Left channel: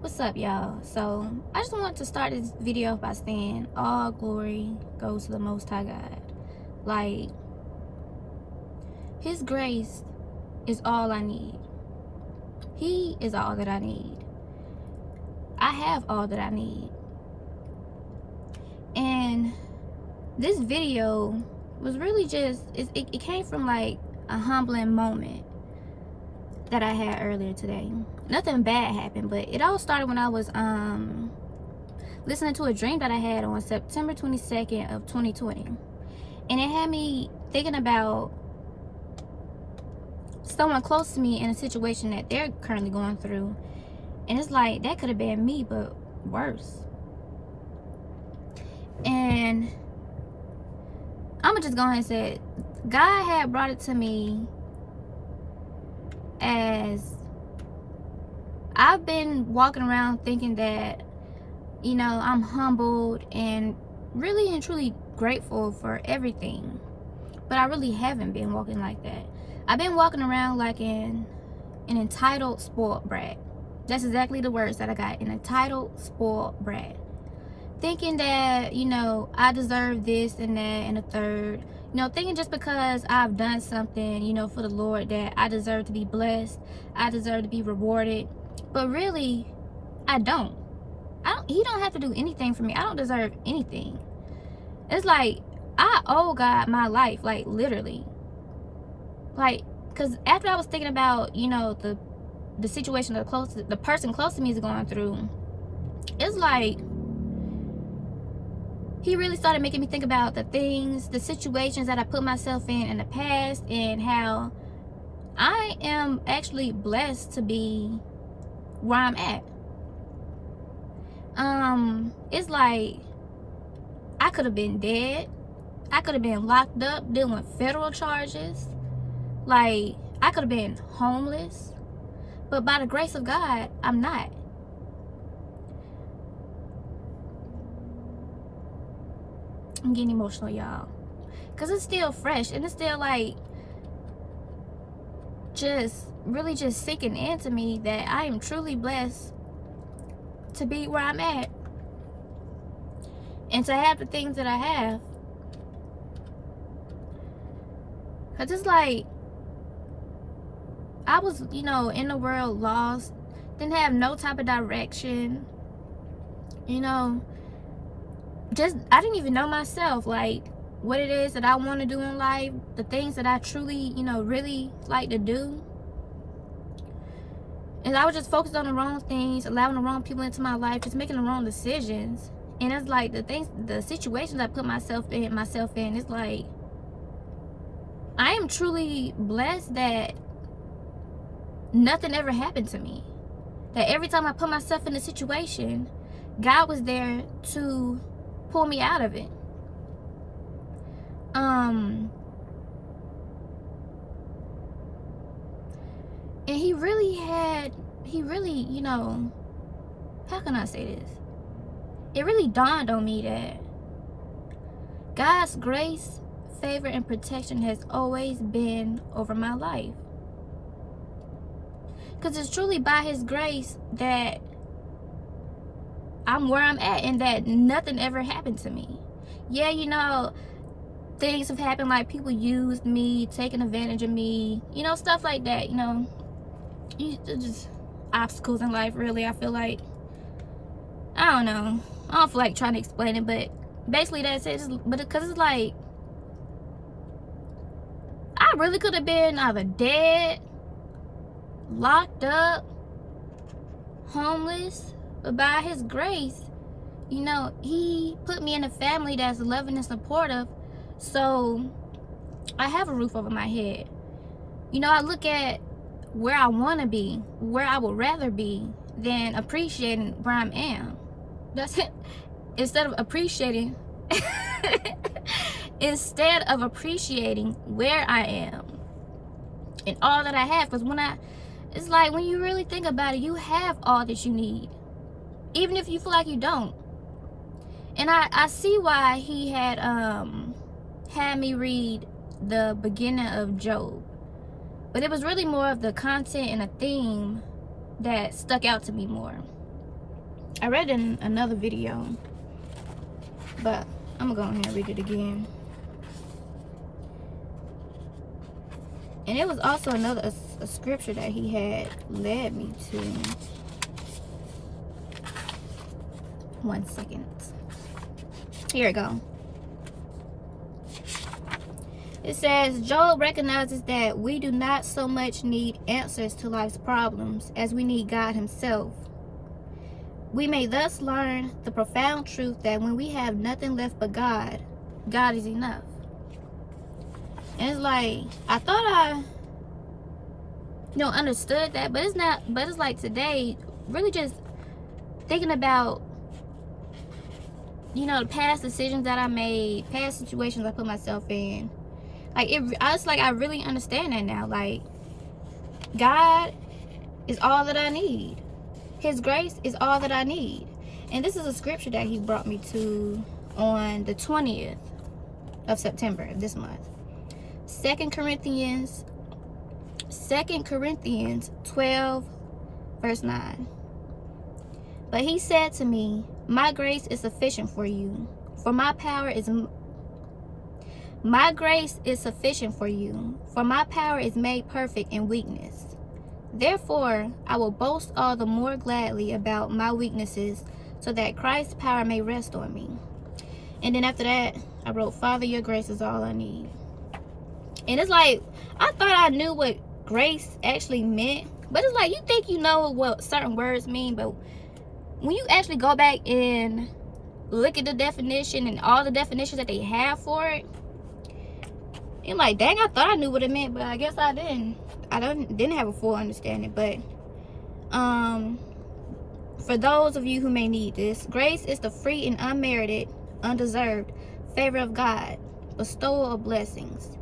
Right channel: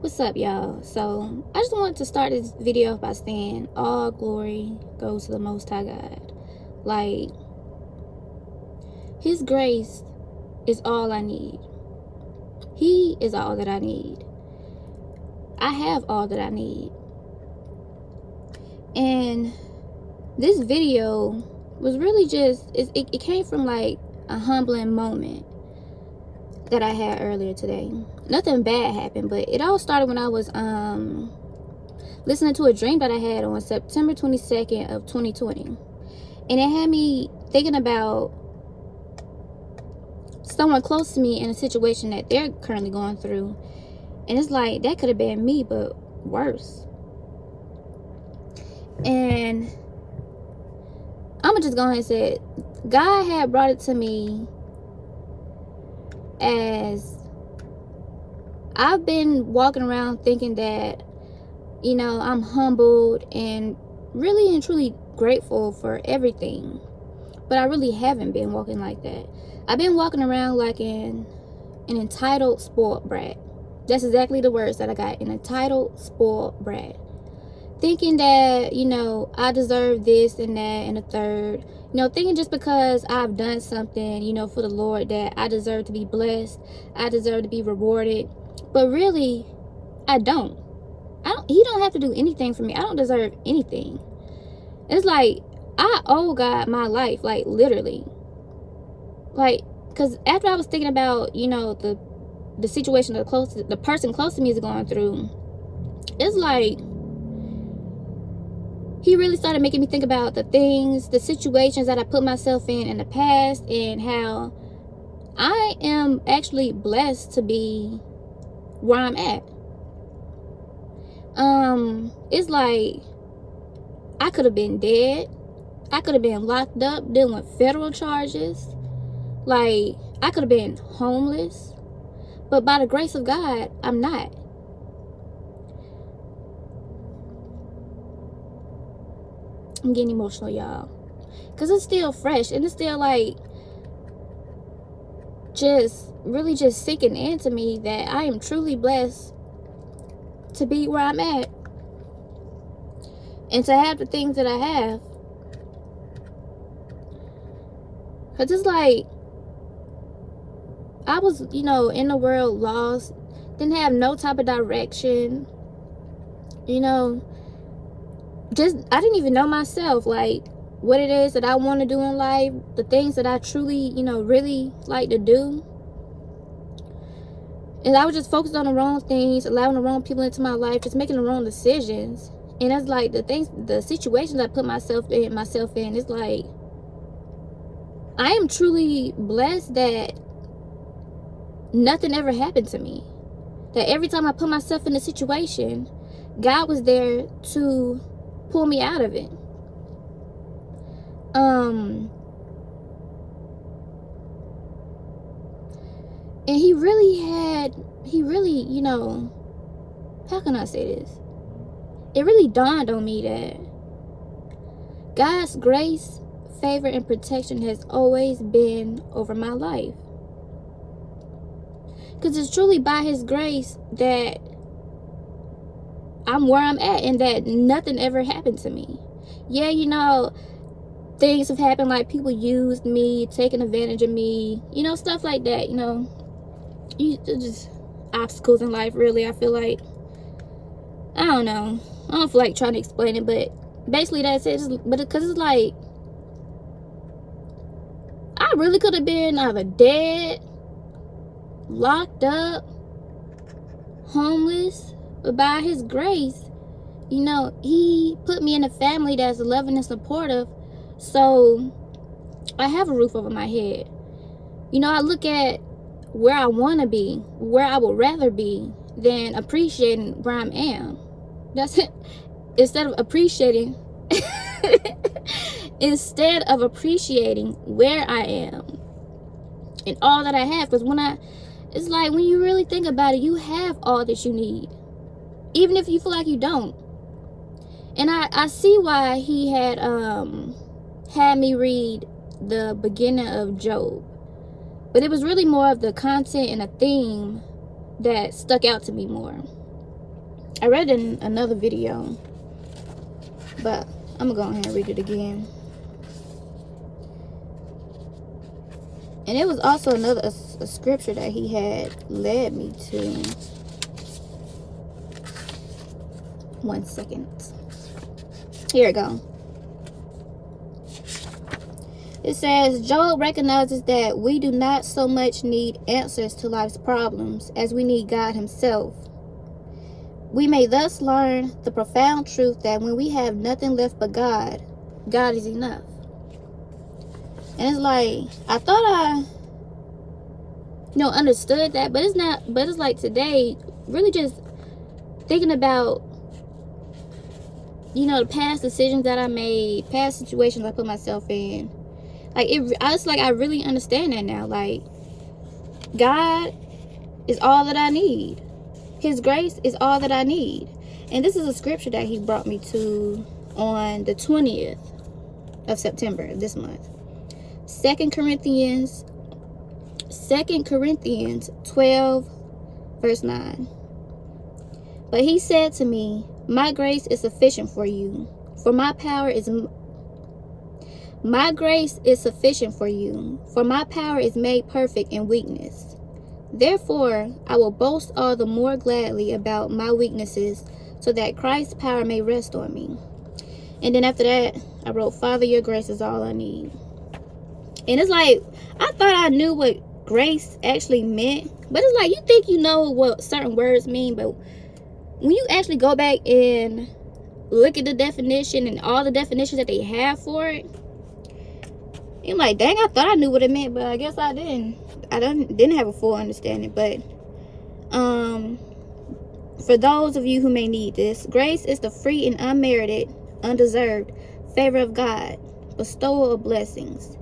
What's up, y'all? So I just wanted to start this video by saying all glory goes to the Most High God. Like, His grace is all I need. He is all that I need. I have all that I need. And this video was really just, it came from like a humbling moment that I had earlier today. Nothing bad happened, but it all started when I was listening to a dream that I had on September 22nd of 2020. And it had me thinking about someone close to me in a situation that they're currently going through. And it's like, that could have been me, but worse. And I'm gonna just go ahead and say it. God had brought it to me as I've been walking around thinking that, you know, I'm humbled and really and truly grateful for everything. But I really haven't been walking like that. I've been walking around like an entitled spoiled brat. That's exactly the words that I got. An entitled spoiled brat. Thinking that, you know, I deserve this and that and a third. You know, thinking just because I've done something, you know, for the Lord, that I deserve to be blessed. I deserve to be rewarded. But really, I don't. He don't have to do anything for me. I don't deserve anything. It's like, I owe God my life, like literally. Like, because after I was thinking about, you know, the situation the person close to me is going through, it's like he really started making me think about the situations that I put myself in the past, and how I am actually blessed to be where I'm at. It's like, I could have been dead. I could have been locked up dealing with federal charges. Like, I could have been homeless. But by the grace of God, I'm not. I'm getting emotional, y'all. Because it's still fresh. And it's still like, really just sinking into me that I am truly blessed to be where I'm at. And to have the things that I have. Because it's like, I was, you know, in the world lost. Didn't have no type of direction. You know, I didn't even know myself, like, what it is that I want to do in life. The things that I truly, you know, really like to do. And I was just focused on the wrong things, allowing the wrong people into my life, just making the wrong decisions. And it's like, the situations I put myself in, it's like, I am truly blessed that nothing ever happened to me. That every time I put myself in a situation, God was there to pull me out of it. And he really, you know, how can I say this? It really dawned on me that God's grace, favor, and protection has always been over my life. Because it's truly by his grace that I'm where I'm at, and that nothing ever happened to me. Yeah, you know, things have happened, like people used me, taking advantage of me, you know, stuff like that, you know. Just obstacles in life, really. I feel like, I don't know. I don't feel like trying to explain it, but basically that's it. But because it's like, I really could have been either dead, locked up, homeless, but by his grace, you know, he put me in a family that's loving and supportive, so I have a roof over my head. You know, I look at where I want to be, where I would rather be, than appreciating where I am. That's it. Instead of appreciating where I am and all that I have. Because it's like, when you really think about it, you have all that you need, even if you feel like you don't. And I see why he had me read the beginning of Job. But it was really more of the content and a theme that stuck out to me more. I read in another video, but I'm gonna go ahead and read it again. And it was also another a scripture that he had led me to. 1 second. Here we go. It says, Job recognizes that we do not so much need answers to life's problems as we need God himself. We may thus learn the profound truth that when we have nothing left but God, God is enough. And it's like, I thought I understood that, but it's not. But it's like today, really just thinking about, the past decisions that I made, past situations I put myself in. Like, I really understand that now. Like, God is all that I need. His grace is all that I need. And this is a scripture that he brought me to on the 20th of September this month. 2 Corinthians 12, verse 9. But he said to me, my grace is sufficient for you, for my grace is sufficient for you, for my power is made perfect in weakness. Therefore, I will boast all the more gladly about my weaknesses, so that Christ's power may rest on me. And then after that, I wrote, Father, your grace is all I need. And it's like, I thought I knew what grace actually meant, but it's like, you think you know what certain words mean, but when you actually go back and look at the definition and all the definitions that they have for it, I'm like, dang, I thought I knew what it meant, but I guess I didn't. I didn't have a full understanding. But for those of you who may need this, grace is the free and unmerited, undeserved favor of God, bestowal of blessings.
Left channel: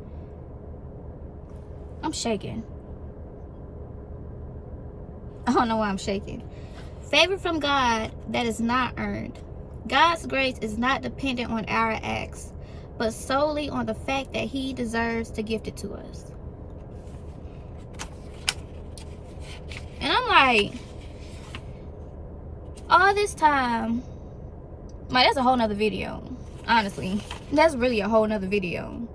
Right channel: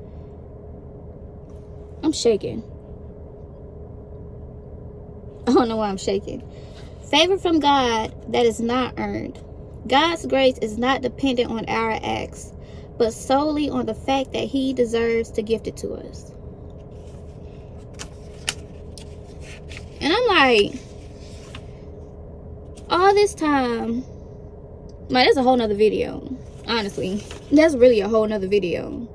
I'm shaking. I don't know why I'm shaking. Favor from God that is not earned. God's grace is not dependent on our acts, but solely on the fact that he deserves to gift it to us. And I'm like, all this time, like, that's a whole nother video. Honestly, that's really a whole nother video.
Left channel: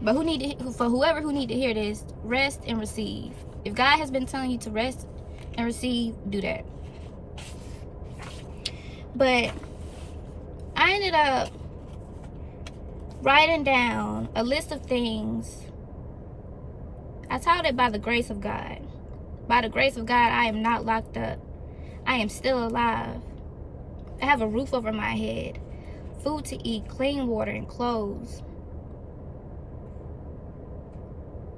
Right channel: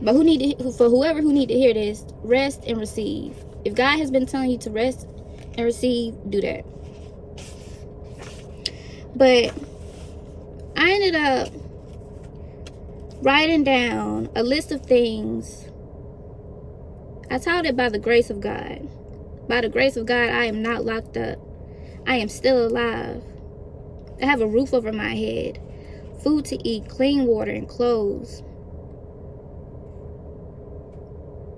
But for whoever who need to hear this, rest and receive. If God has been telling you to rest and receive, do that. But I ended up writing down a list of things. I titled it By the Grace of God. By the grace of God, I am not locked up. I am still alive. I have a roof over my head, food to eat, clean water, and clothes.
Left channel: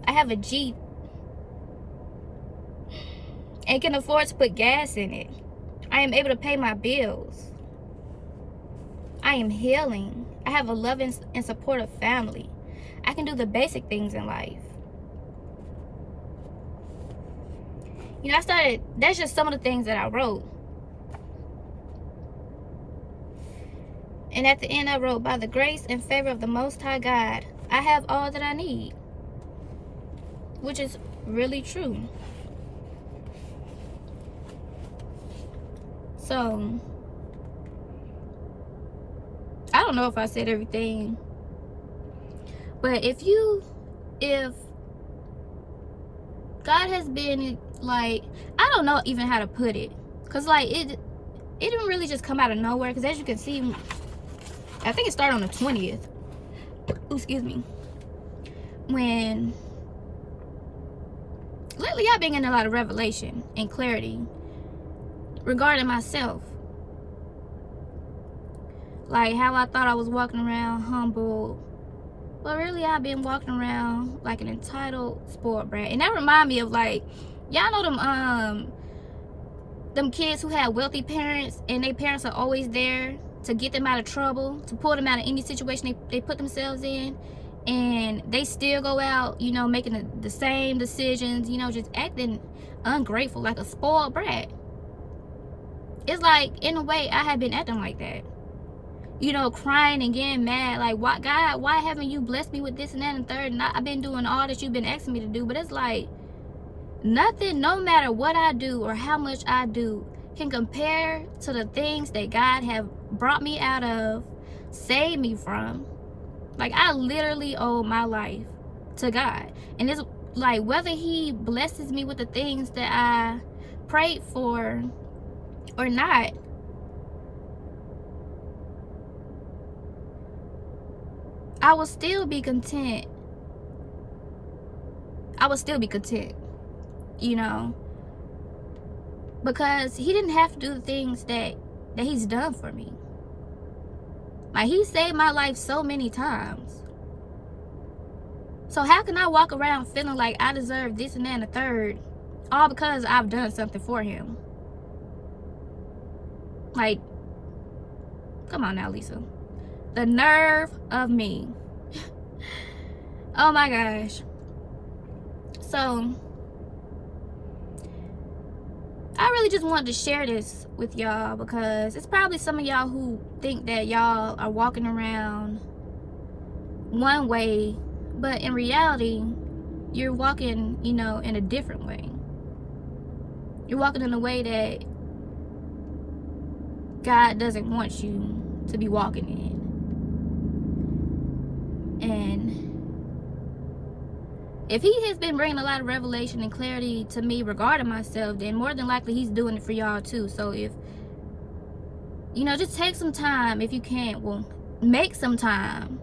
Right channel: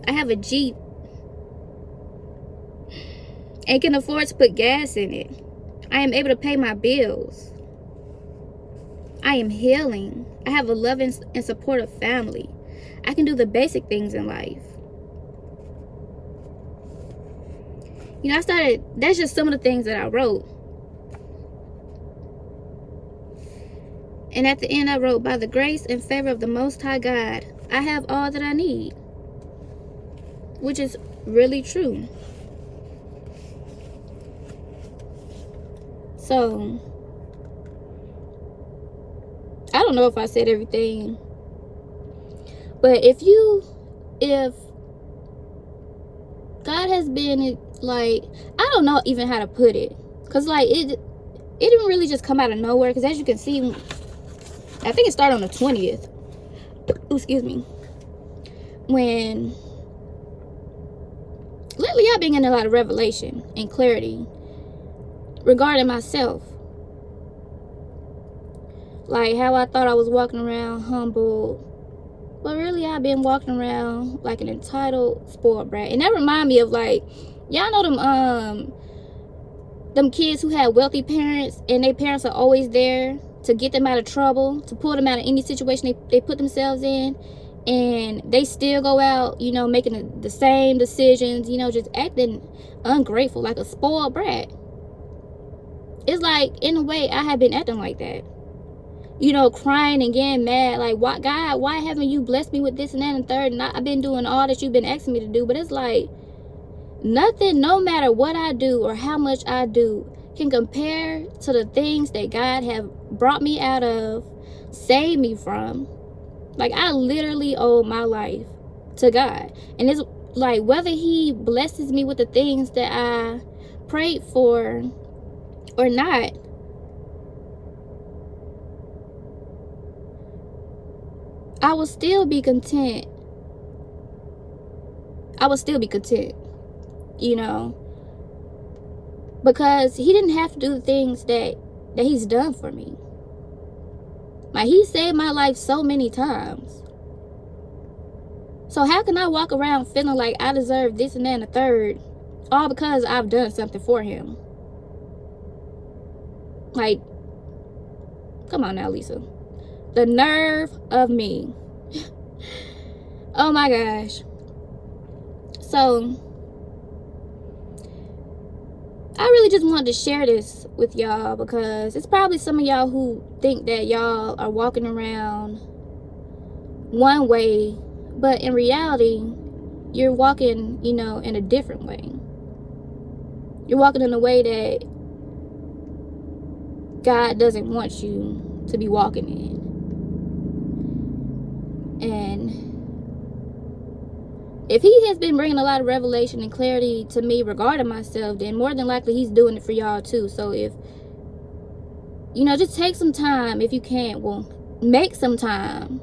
I have a Jeep and can afford to put gas in it. I am able to pay my bills. I am healing. I have a loving and supportive family. I can do the basic things in life. That's just some of the things that I wrote. And at the end I wrote, by the grace and favor of the Most High God, I have all that I need. Which is really true. So, I don't know if I said everything. But if God has been, like, I don't know even how to put it. Because, like, it didn't really just come out of nowhere. Because as you can see, I think it started on the 20th. Ooh, excuse me. When lately I've been getting a lot of revelation and clarity regarding myself. Like how I thought I was walking around humble, but really I've been walking around like an entitled spoiled brat. And that remind me of, like, y'all know them kids who had wealthy parents and their parents are always there to get them out of trouble, to pull them out of any situation they put themselves in. And they still go out, making the same decisions, just acting ungrateful, like a spoiled brat. It's like, in a way, I have been acting like that. Crying and getting mad. Like, God, why haven't you blessed me with this and that and third? And I've been doing all that you've been asking me to do. But it's like, Nothing, no matter what I do or how much I do, can compare to the things that God have brought me out of, saved me from. Like, I literally owe my life to God. And it's like, whether he blesses me with the things that I prayed for or not, I will still be content. I will still be content, you know, because he didn't have to do the things that he's done for me. Like, he saved my life so many times. So how can I walk around feeling like I deserve this and that and the third, all because I've done something for him? Like, come on now, Lisa. The nerve of me. Oh my gosh. So I really just wanted to share this with y'all, because it's probably some of y'all who think that y'all are walking around one way, but in reality, you're walking, you know, in a different way. You're walking in a way that God doesn't want you to be walking in. And if he has been bringing a lot of revelation and clarity to me regarding myself, then more than likely he's doing it for y'all too. So if, you know, just take some time if you can. Well, make some time.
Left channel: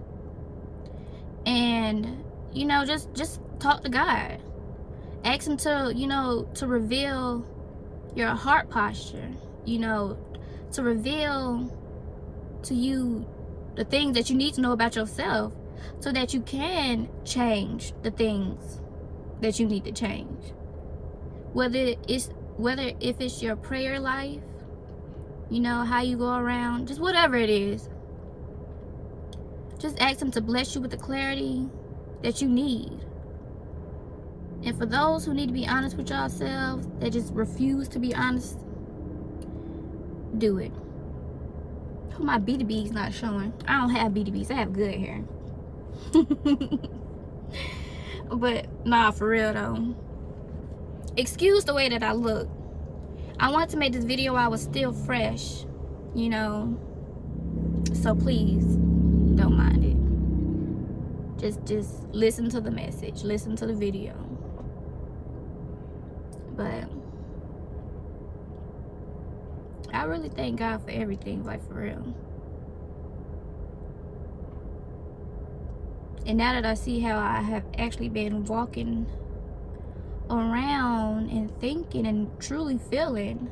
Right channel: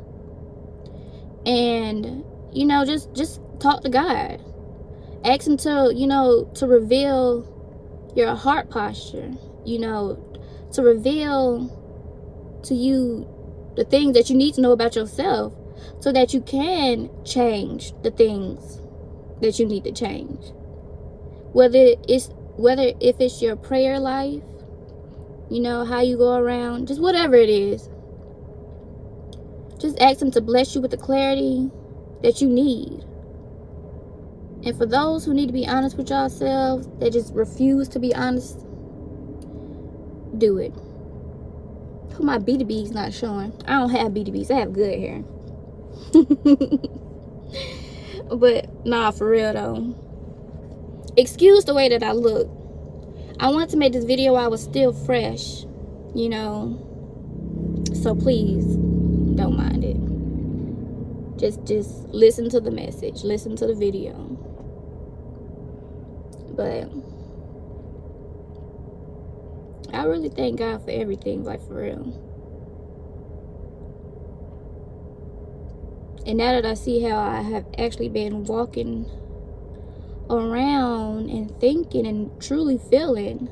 And, you know, just talk to God. Ask him to, you know, to reveal your heart posture. You know, to reveal to you the things that you need to know about yourself, so that you can change the things that you need to change. Whether if it's your prayer life, you know, how you go around, just whatever it is. Just ask him to bless you with the clarity that you need. And for those who need to be honest with yourselves, that just refuse to be honest, do it. Oh, my BDB's not showing. I don't have BDBs. I have good hair. But nah, for real though, excuse the way that I look. I wanted to make this video while I was still fresh, you know, so please don't mind it. Just listen to the message, listen to the video. But I really thank God for everything, like, for real. And now that I see how I have actually been walking around and thinking and truly feeling,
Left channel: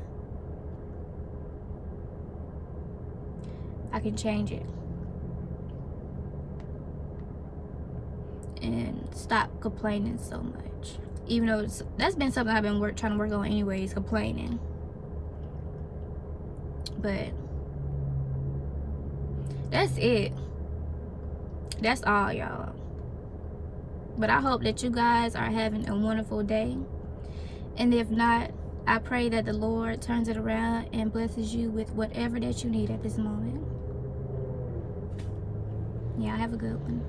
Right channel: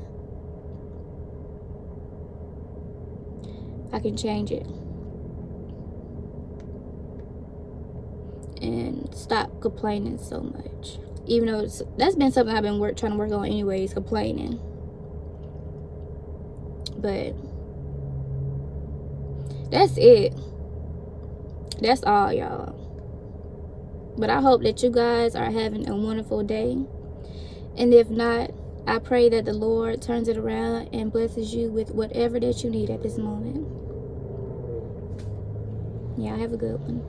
I can change it. And stop complaining so much. Even though that's been something I've been trying to work on anyways, complaining. But that's it. That's all, y'all. But I hope that you guys are having a wonderful day. And if not, I pray that the Lord turns it around and blesses you with whatever that you need at this moment. Yeah, have a good one.